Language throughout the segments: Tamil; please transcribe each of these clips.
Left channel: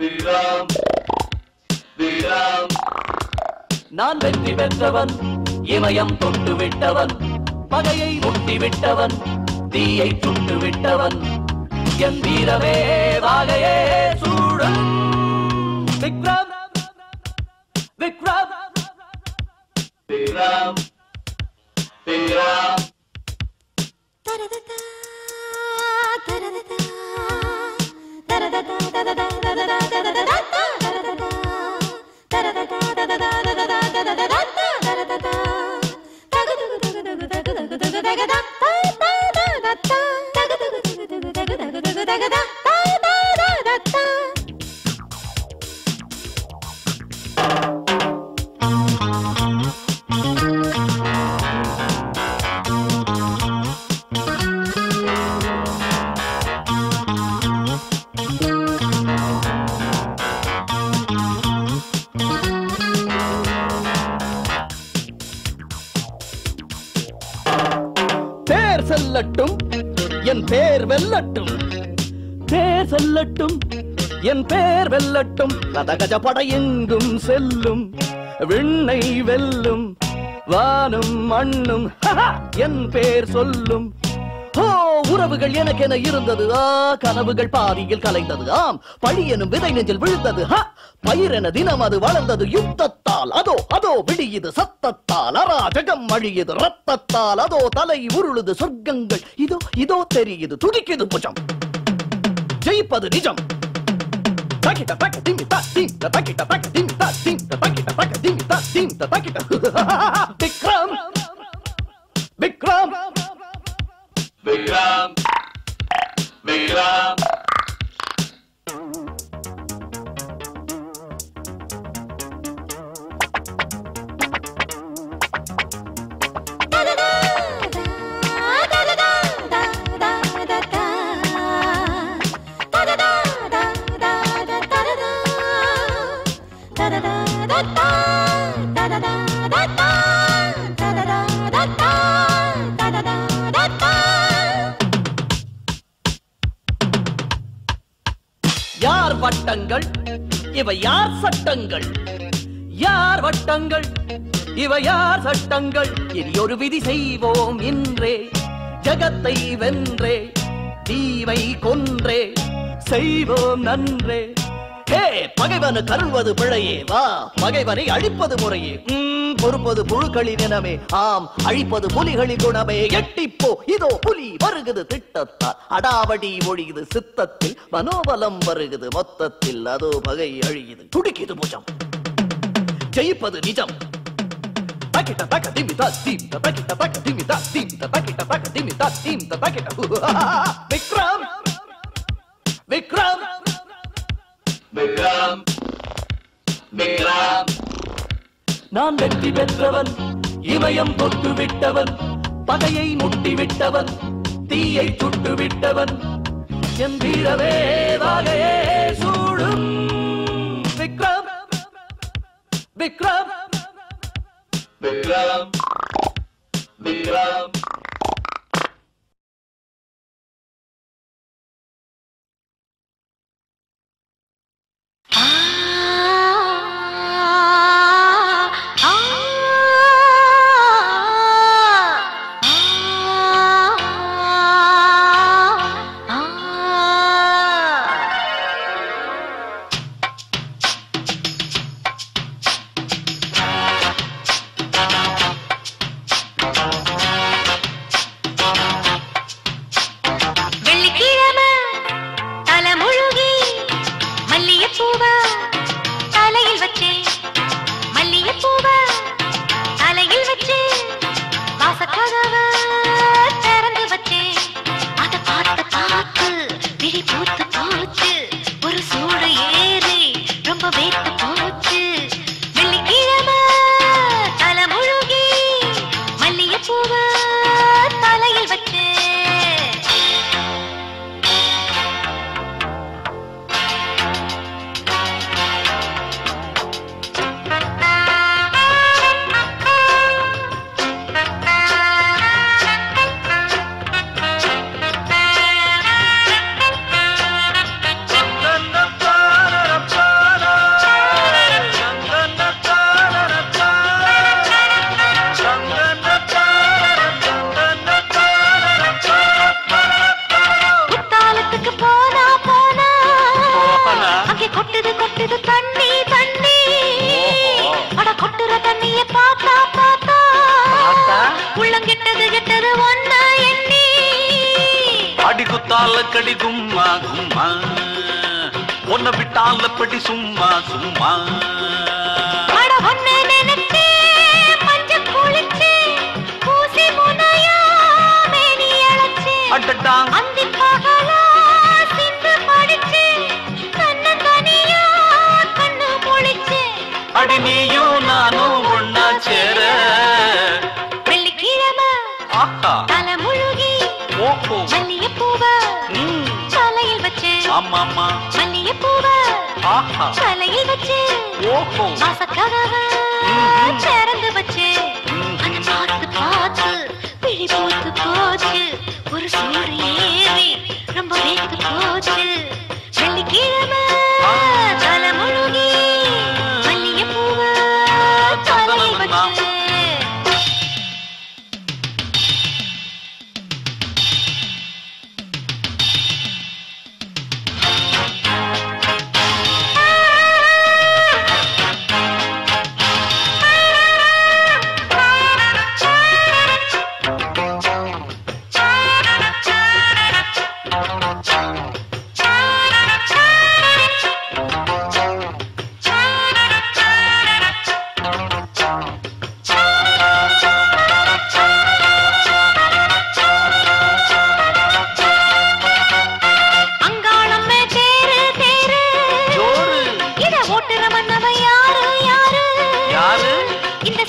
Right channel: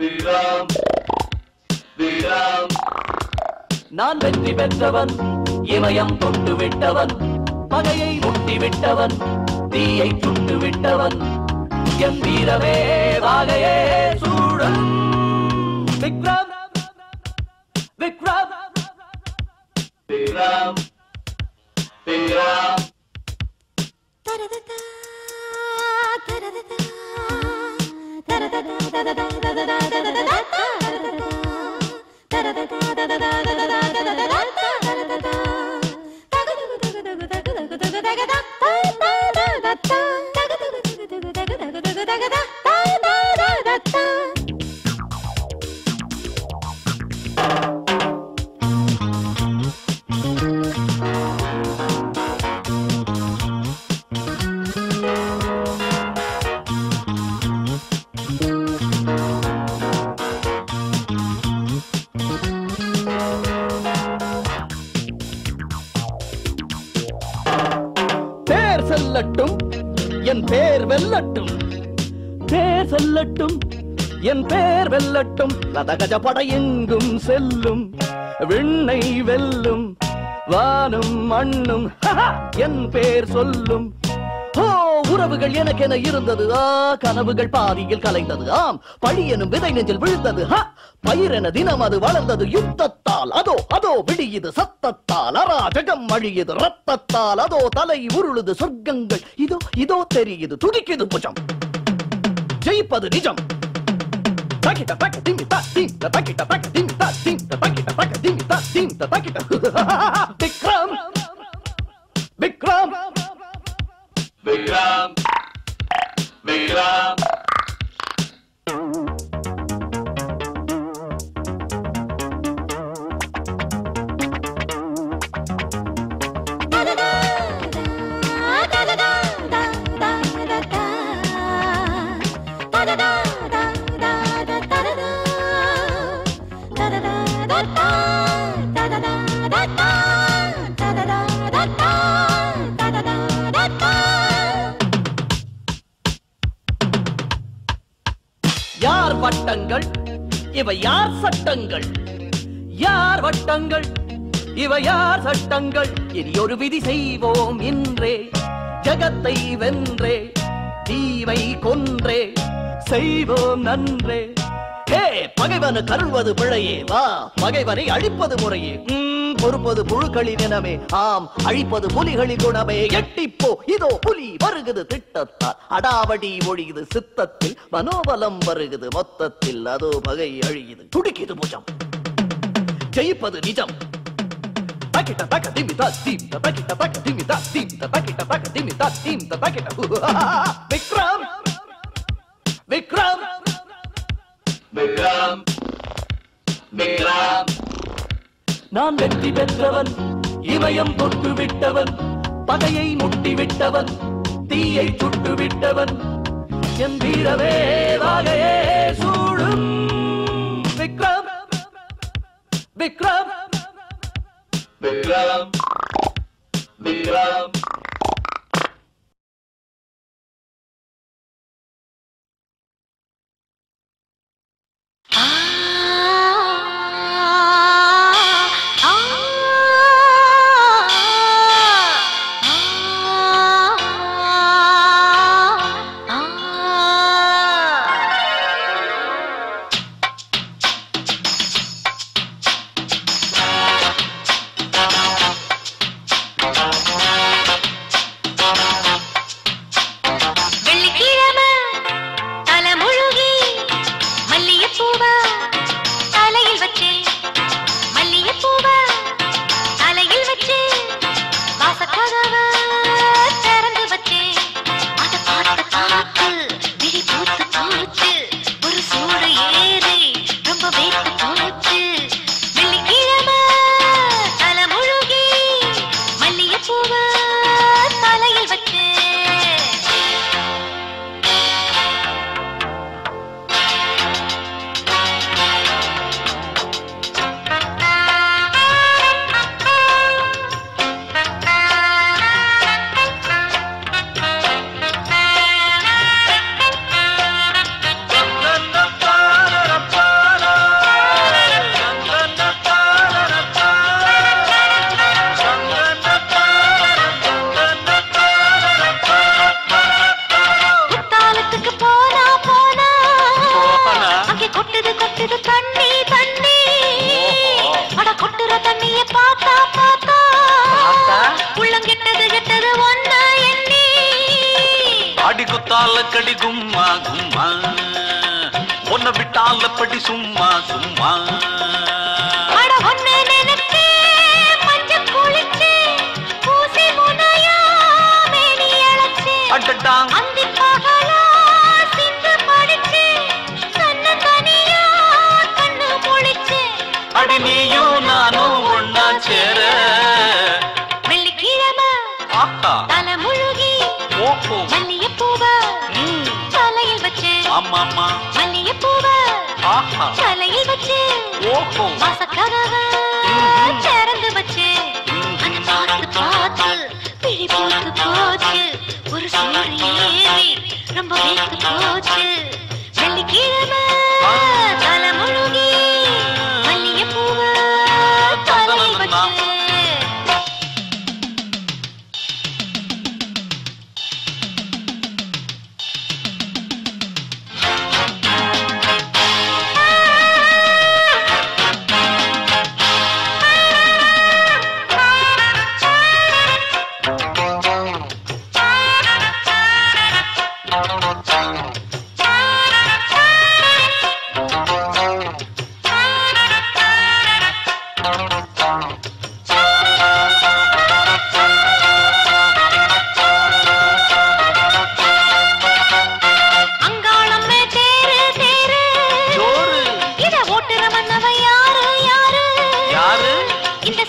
விக்ரம் விக்ரம் நான் வெற்றி பெற்றவன் இமயம் தொட்டு விட்டவன் பகையை முட்டி விட்டவன் தீயை சுட்டு விட்டவன் என் வீரமே வாகையே சூடும் விக்ரம் விக்ரம் விக்ரம் விக்ரம் செல்லட்டும் என் பேர் வெல்லட்டும் பேர் செல்லட்டும் என் பேர் வெல்லட்டும் ரதகஜ படை எங்கும் செல்லும் விண்ணை வெல்லும் வானும் மண்ணும் என் பேர் சொல்லும் ஓ உறவுகள் எனக்கென இருந்தது கனவுகள் பாதியில் கலைந்தது ஆம் பழி எனும் விதை நெஞ்சில் விழுந்தது பயிரென தினம் அது வளர்ந்தது யுத்தத்தால் அதோ அதோ விடியுது சத்தத்தால் அராஜகம் அழியுது ரத்தத்தால் அதோ தலை உருளுது சொர்க்கங்கள் இதோ இதோ தெரியுது துடிக்குது புஜம் ஜெயிப்பது நிஜம் Takita taka dimi ta dim ta takita taka dimi ta dim ta takita taka dimi ta dim ta takita Vikram Vikram Vikram Vikram யார் வட்டங்கள் இவை யார் சட்டங்கள் யார் வட்டங்கள் இவை யார் சட்டங்கள் இனி ஒரு விதி செய்வோம் இன்றே ஜகத்தை வென்றே தீவை கொன்றே செய்வோம் நன்றே ஹே பகைவனு கருள்வது பிழையே வா பகைவனை அழிப்பது முறையே பொறுப்பது புழுக்களின் இனமே ஆம் அழிப்பது புலிகளின் குணமே எட்டிப்போ இதோ புலி வருகுது திட்டத்தால் அடாவடி ஒழியுது சித்தத்தில் மனோபலம் வருகுது மொத்தத்தில் அதோ பகை அழியுது துடிக்குது புஜம் ஜெயிப்பது நிஜம் Takita taka dimi ta dim ta takita taka dimi ta dim ta takita taka dimi ta dim ta takita Vikram Vikram Vikram Vikram நான் வெற்றி பெற்றவன் இமயம் தொட்டு விட்டவன் பகையை முட்டி விட்டவன் தீயை சுட்டு விட்டவன் என் வீரவே வாகையே சூடும் விக்ரம் விக்ரம் விக்ரம் விக்ரம் கொட்டுது கொட்டுது தண்ணி தண்ணி அட கொட்டுற தண்ணிய பாத்தா பாத்தா உள்ளம் கெட்டது கெட்டது ஒன்ன எண்ணி அடி குத்தால கடி கும்மா கும்மா ஒன்ன விட்டால படி சும்மா சும்மா அட ஒன்ன நினைச்சு மஞ்ச குளிச்சு பூசி முனையா மேனி அழைச்சு அடடா அந்தி பகலா சிந்து படிச்சு கண்ணு தனியா கண்ணு முழிச்சு அட நீயோ நானோ ஒன்னா சேர வெள்ளிக்கிழமை ஆஹா தலை முழுகி ஓஹோ மல்லிகைப்பூவ தலையில் வச்சு ஆமாமா மல்லிகைப்பூவ ஆஹா தலையில் வச்சு ஓஹோ வாசக்கதவை திறந்து வச்சு அந்த பார்த்து பார்த்து பிடி போட்டு போச்சு ஒரு சூடு ஏறி ரொம்ப வைத்து போச்சு வெள்ளிக்கிழமை தலை முழுகி மல்லிகைப்பூவ தலையில் வச்சு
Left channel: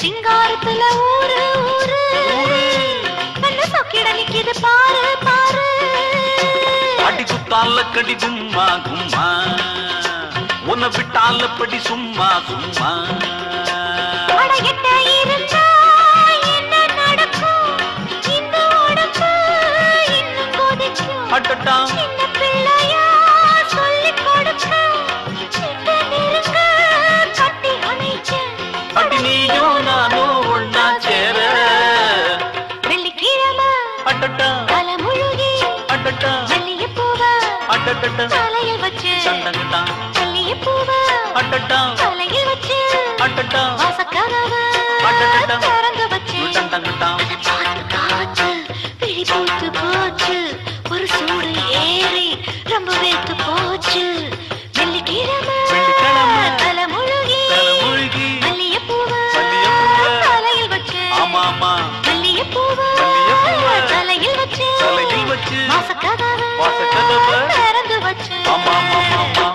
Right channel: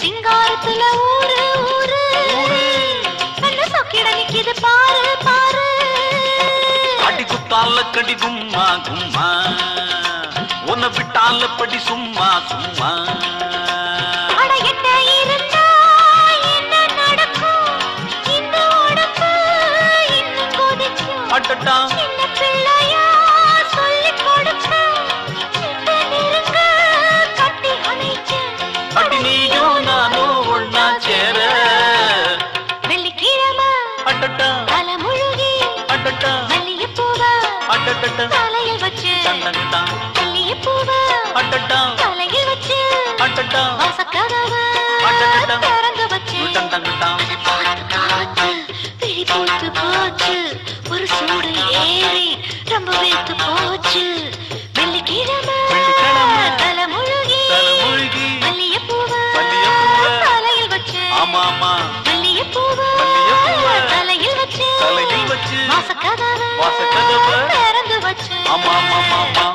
சிங்காரத்துல ஊரு ஊரு நல்ல சொக்கிட நிக்குது பாரு பாரு அடி குத்தால கடி கும்மா கும்மா உன்னை விட்டால படி சும்மா சும்மா அட எட்ட இருந்தா என்ன நடக்கும் இந்த உடம்பு இன்னும் கொதிக்கும் அடடா சின்ன பிள்ளையா சொல்லி கொடுக்கும் சின்ன நெருங்க கட்டி அணைச்சு அடி நீயோ நானோ ஒன்னா சேர வெள்ளிக்கிழமை அடடா தலை முழுகி அடடா மல்லிகைப்பூவ அடடா தலையில் வச்சு சண்டங்கடா மல்லிகைப்பூவ அடடா தலையில் வச்சு அடடா வாசக்கதவை அடடா திறந்து வச்சு சண்டங்கடா பார்த்து காச்சு பிடி போட்டு போச்சு ஒரு சூடு ஏறி ரொம்ப வைத்து போச்சு வெள்ளிக்கிழமை தலை முழுகி மல்லிகைப்பூவ தலையில் வச்சு ஆமாமா மல்லிகைப்பூவ தலையில் வச்சு வாசக்கதவை திறந்து வச்சு ஆமாமாமா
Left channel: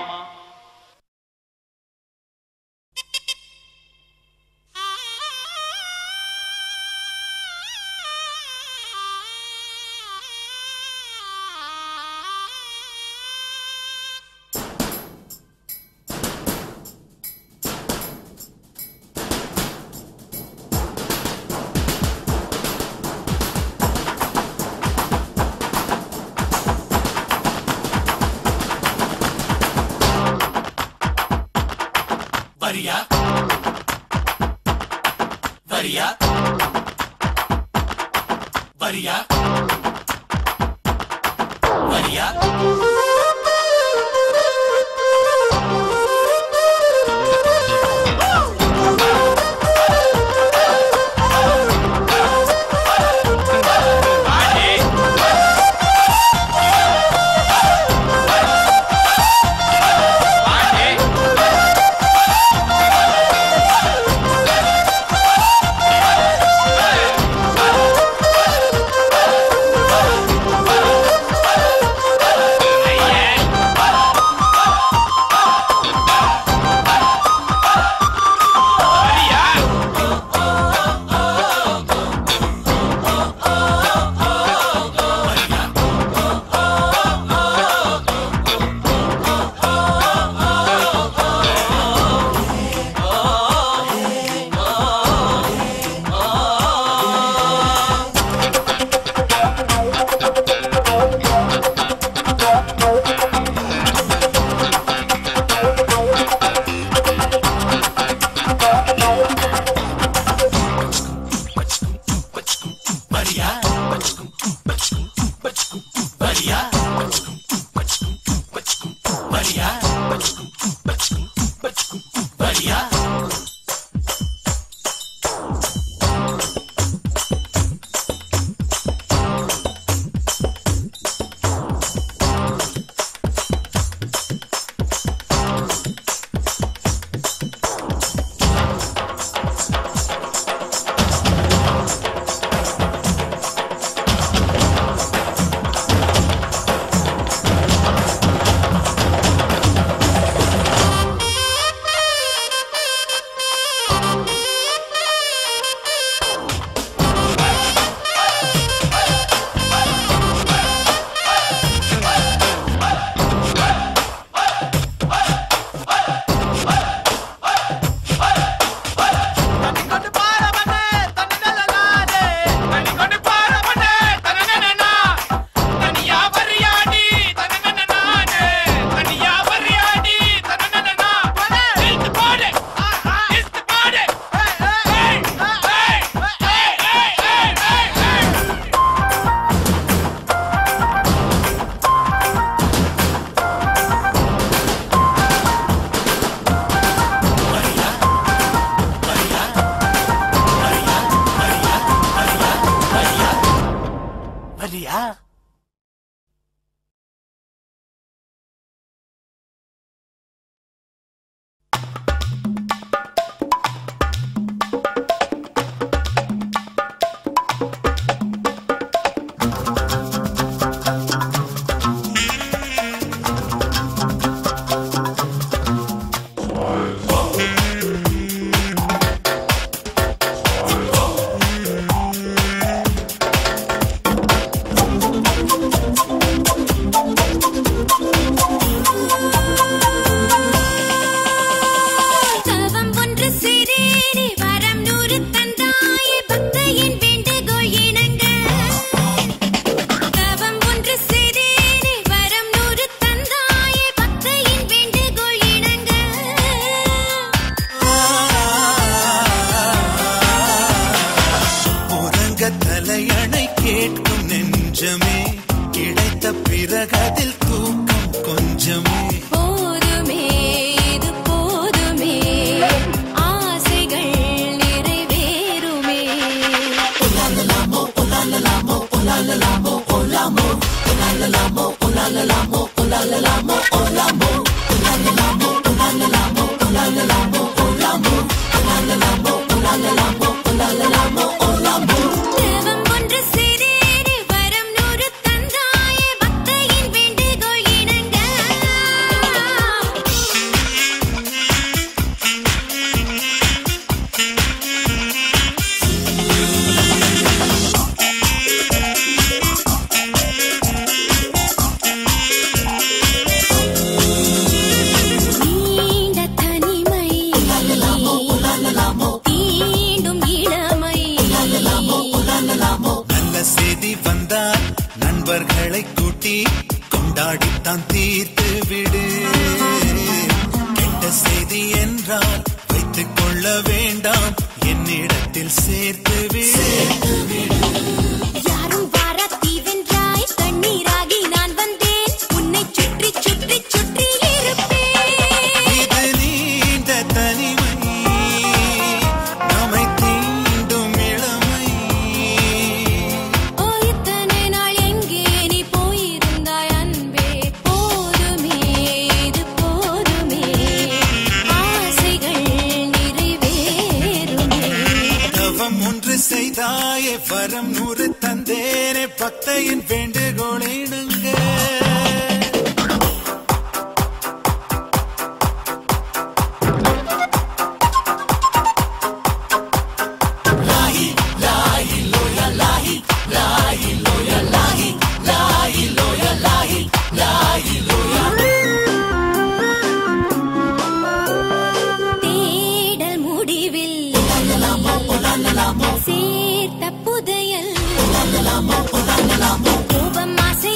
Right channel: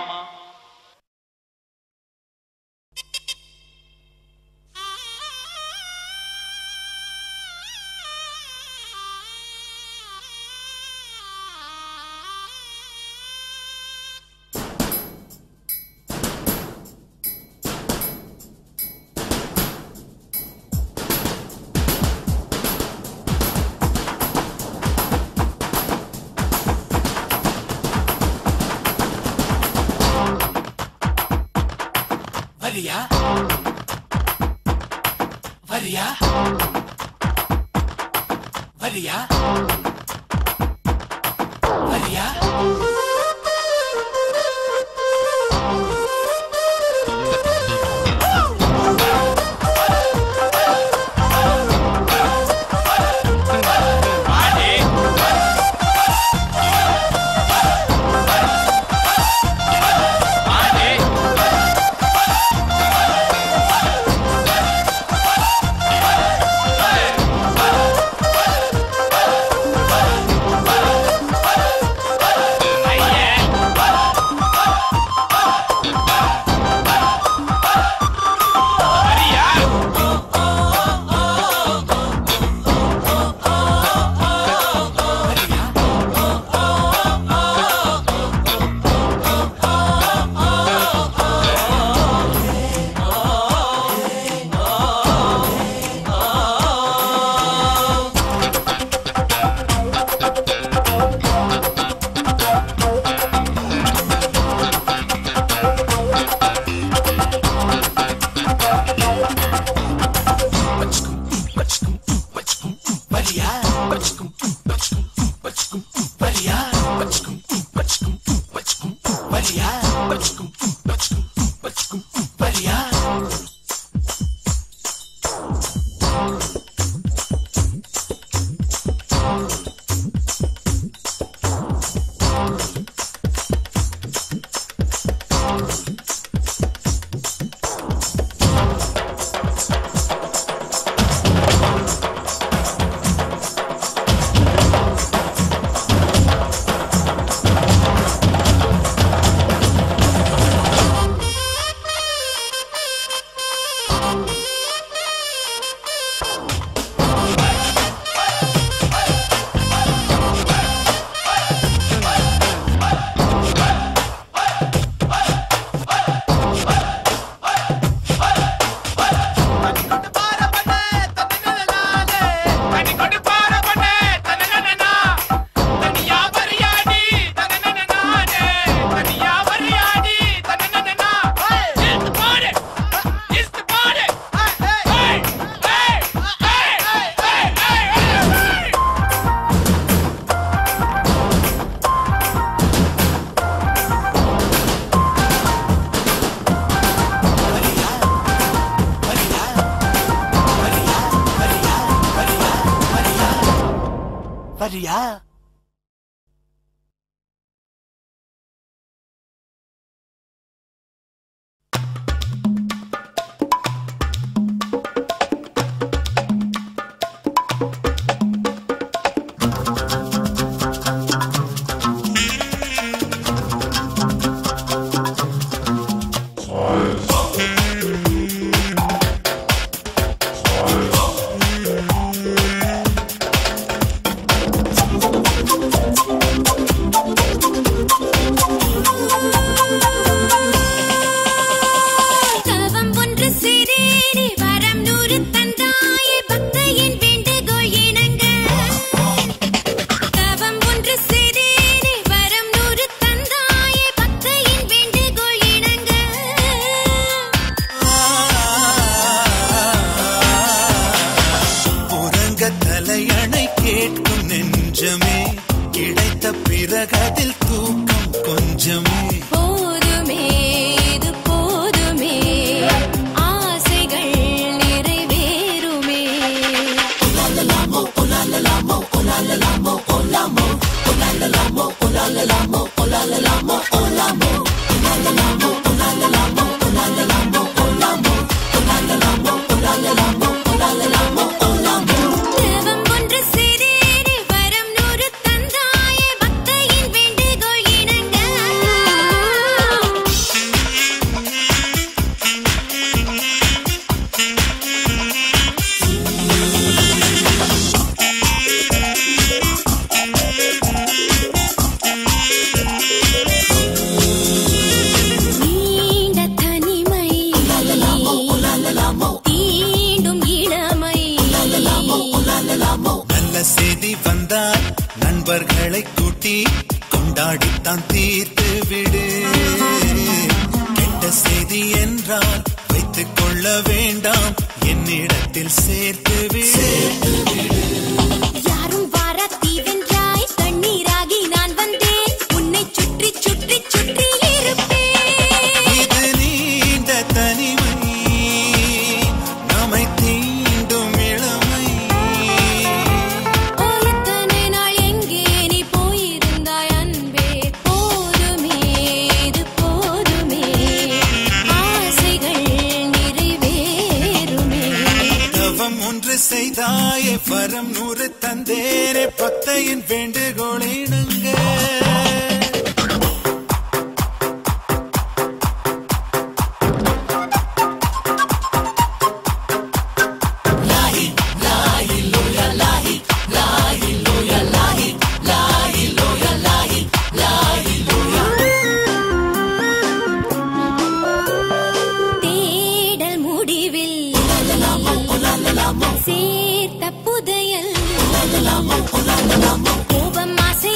சேர்த்த புதையல் கோபம் ஆசை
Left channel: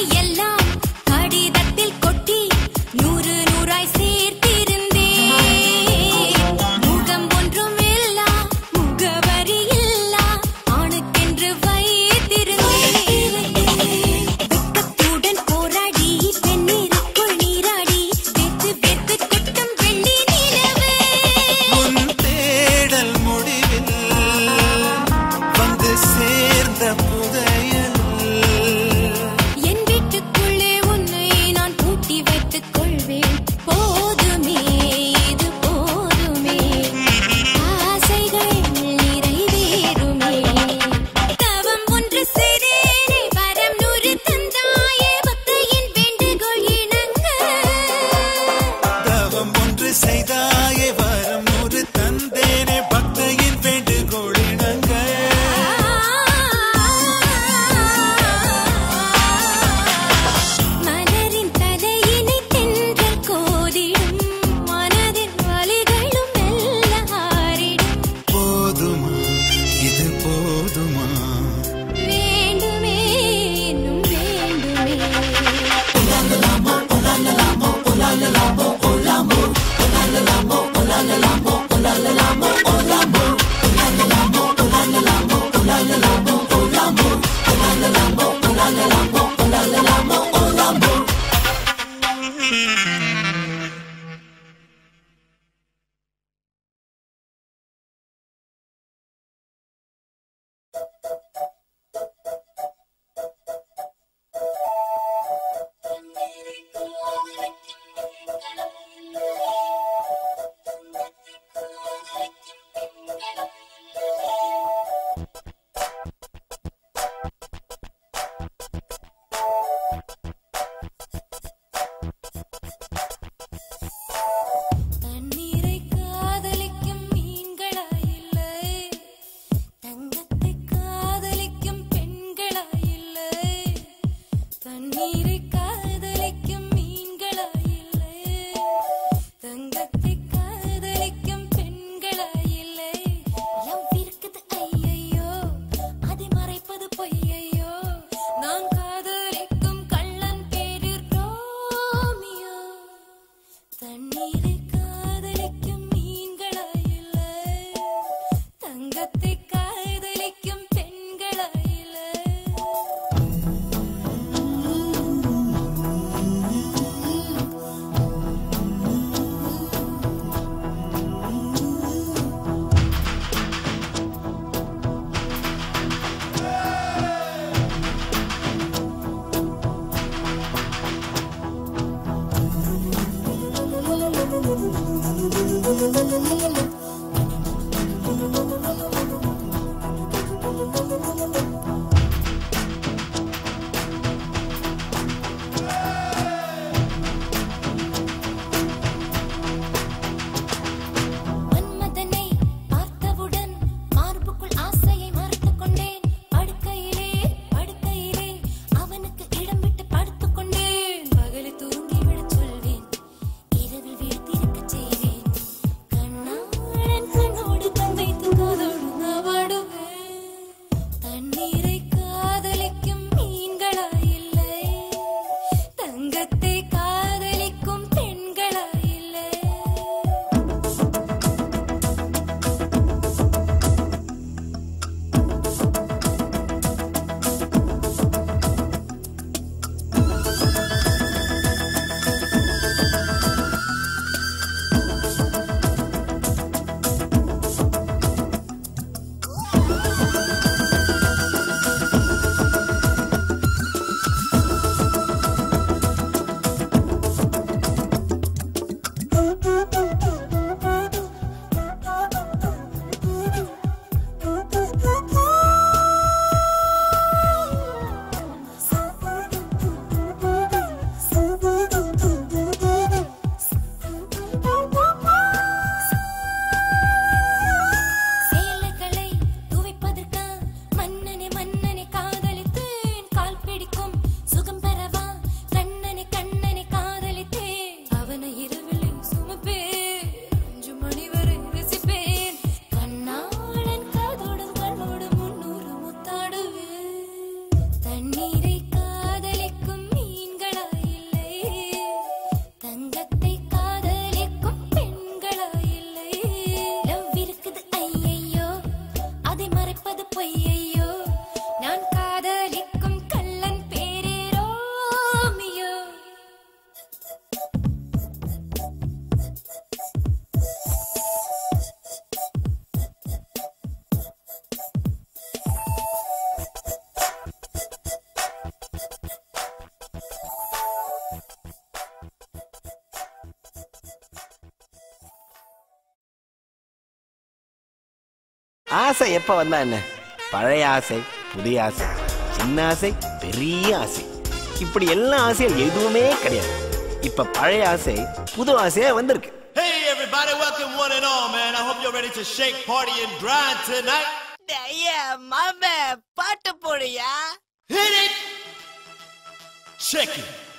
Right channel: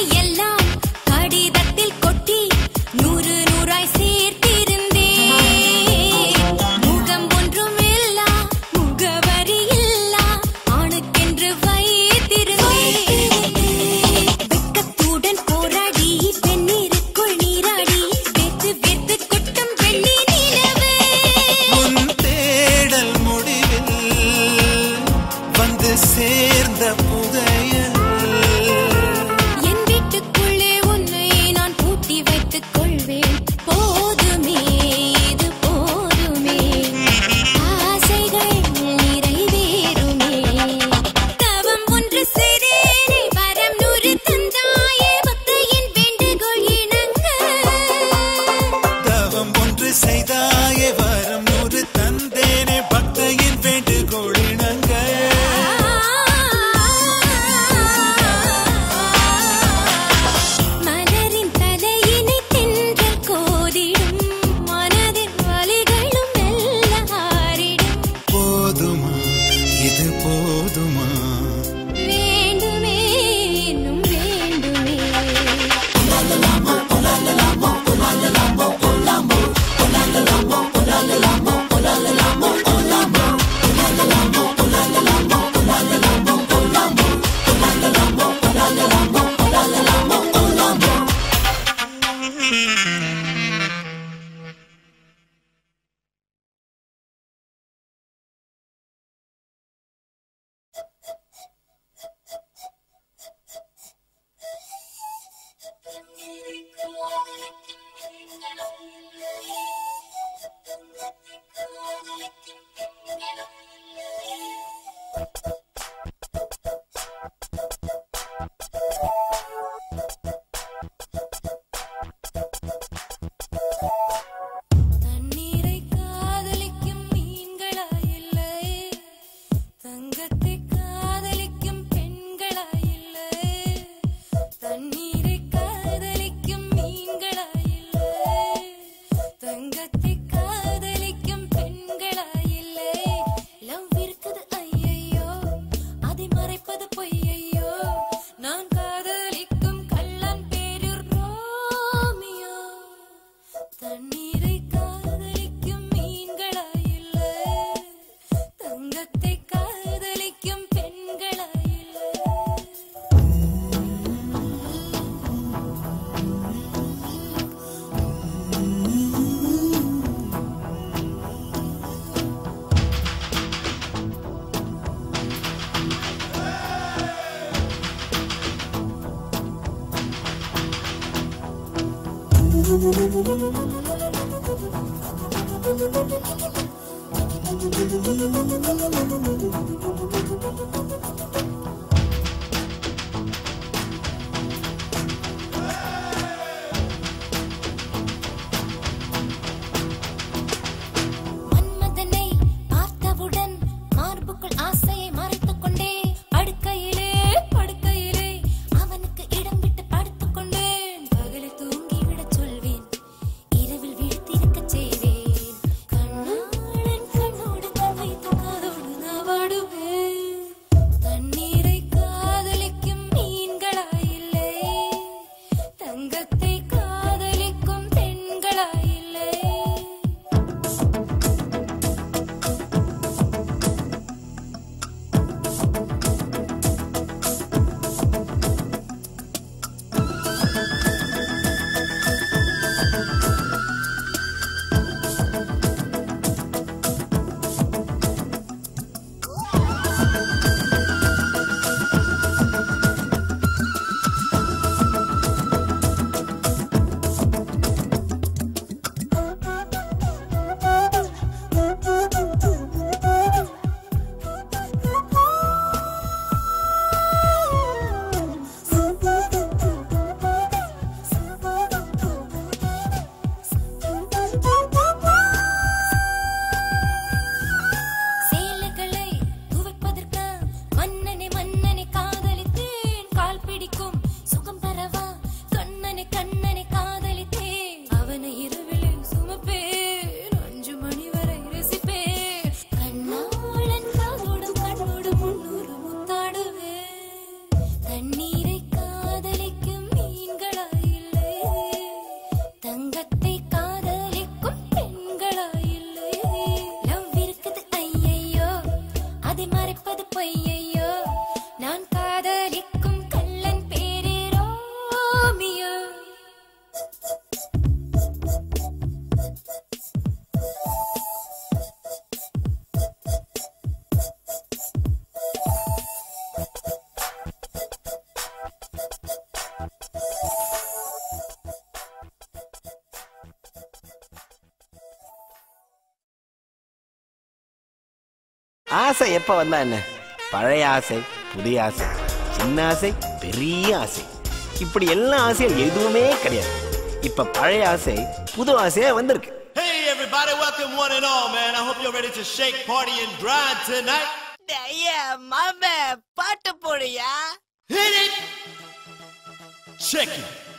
ஆசை எப்ப வந்தா என்ன? பழைய ஆசை, புதிய ஆசை, சின்ன ஆசை, பெரிய ஆசை, இப்படி எல்லா ஆசையும் எதுவுமே கிடையாது. இப்ப பழைய ஆசை புது ஆசையா வந்திருக்கு. Hey everybody, welcome one and all, man. I hope you're ready to shake, party and grind tonight. Yeah, மாமே பாட்டு போடுயா. Hit it. Check it.